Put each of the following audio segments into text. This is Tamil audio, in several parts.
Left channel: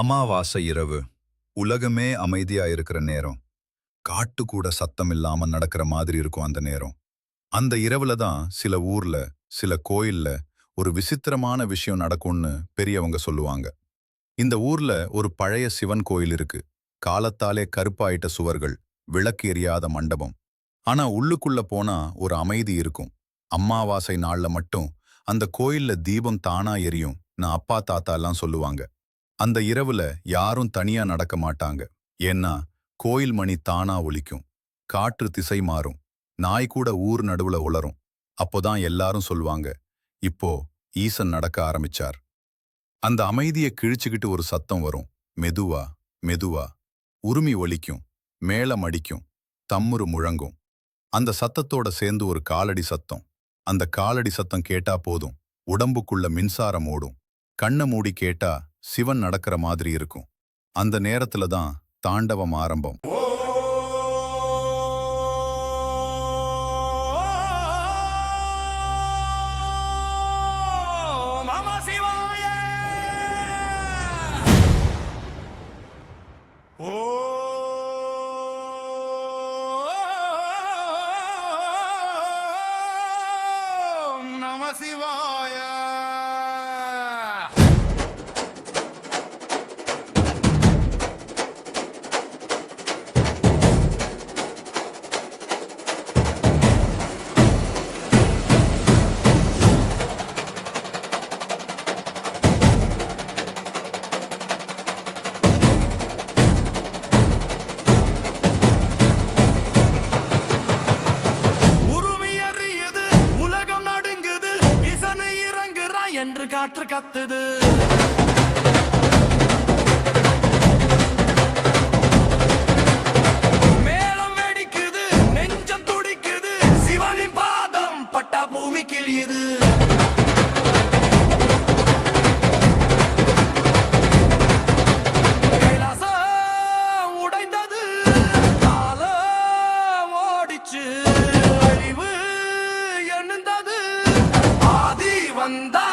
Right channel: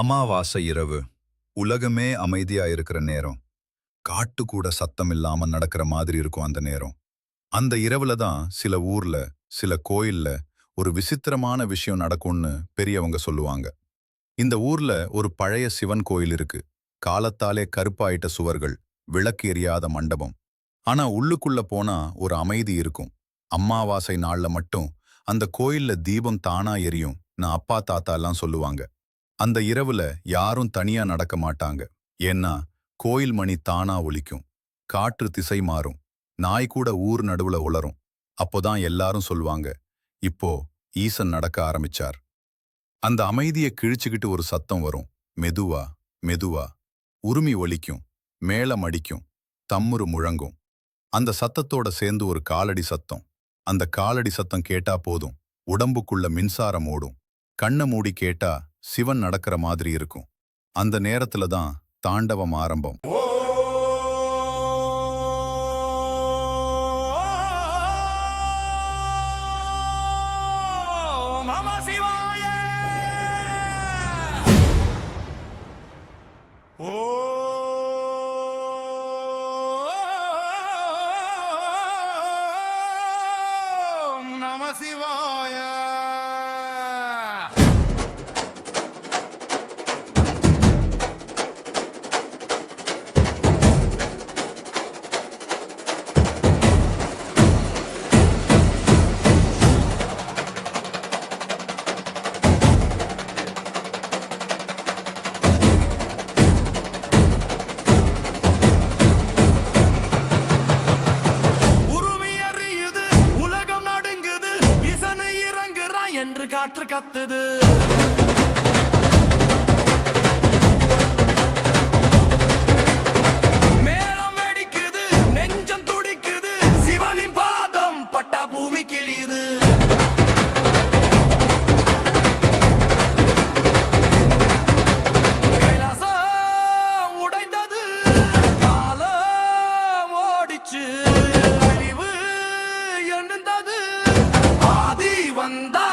அமாவாசை இரவு. உலகமே அமைதியா இருக்கிற நேரம். காட்டு கூட சத்தம் இல்லாம நடக்கிற மாதிரி இருக்கும் அந்த நேரம். அந்த இரவுல தான் சில ஊர்ல, சில கோயில்ல ஒரு விசித்திரமான விஷயம் நடக்கும்னு பெரியவங்க சொல்லுவாங்க. இந்த ஊர்ல ஒரு பழைய சிவன் கோயில் இருக்கு. காலத்தாலே கருப்பாயிட்ட சுவர்கள், விளக்கு எரியாத மண்டபம். ஆனா உள்ளுக்குள்ள போனா ஒரு அமைதி இருக்கும். அமாவாசை நாள்ல மட்டும் அந்த கோயில்ல தீபம் தானா எரியும். நான் அப்பா தாத்தா எல்லாம் சொல்லுவாங்க. அந்த இரவுல யாரும் தனியா நடக்க மாட்டாங்க. ஏன்னா கோயில் மணி தானா ஒலிக்கும். காற்று திசை மாறும். நாய் கூட ஊர் நடுவுல உளரும். அப்போதான் எல்லாரும் சொல்லுவாங்க, இப்போ ஈசன் நடக்க ஆரம்பிச்சார். அந்த அமைதியை கிழிச்சுக்கிட்டு ஒரு சத்தம் வரும். மெதுவா மெதுவா. உருமி ஒலிக்கும். மேளம் அடிக்கும். தம்முரு முழங்கும். அந்த சத்தத்தோட சேர்ந்து ஒரு காலடி சத்தம். அந்த காலடி சத்தம் கேட்டா போதும், உடம்புக்குள்ள மின்சாரம் ஓடும். கண்ணை மூடி கேட்டா சிவன் நடக்கிற மாதிரி இருக்கும். அந்த நேரத்துல தான் தாண்டவம் ஆரம்பம். சிவாய. என்று காற்று கத்துது. மேளம் வெடிக்குது, நெஞ்சம் துடிக்குது. சிவனின் பாதம் பட்டா பூமி கிழியுது. கைலாசம் உடைந்தது, காலம் ஓடிச்சு. அழிவு என்னது, ஆதி வந்தா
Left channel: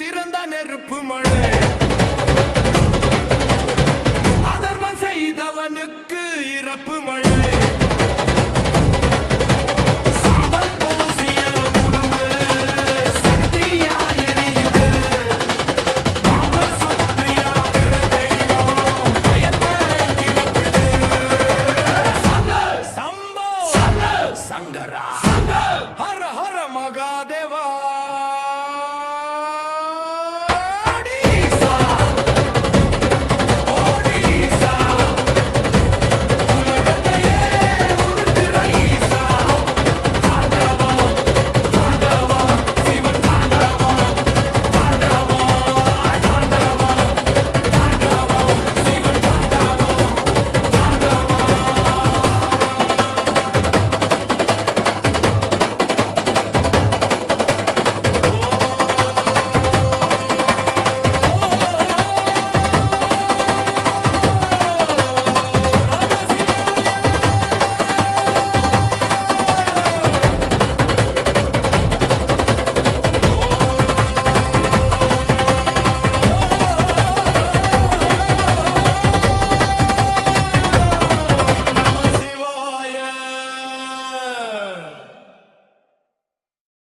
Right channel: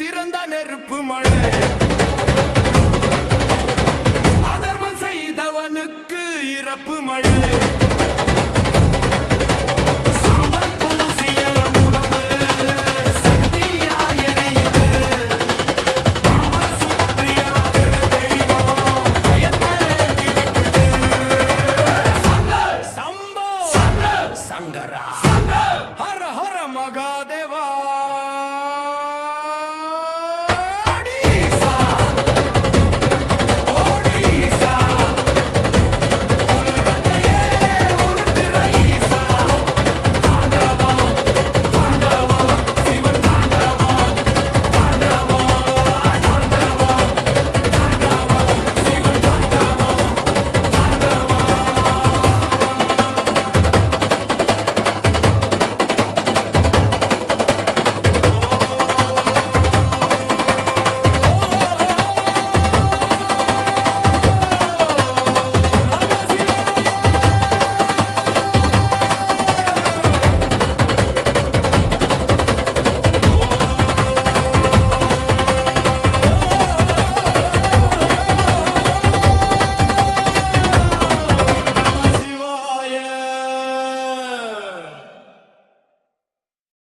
திறந்த நெருப்பு மழை. அதர்மம் செய்தவனுக்கு இறப்பு மழை. சாம்பல் பூசிய உடம்பு சக்தியா எரியுது. பாம்பு சுற்றியாகிற தெய்வம் பயத்தை கிழிக்குது. சம்போ சங்கரா ஹர ஹர மகாதேவா.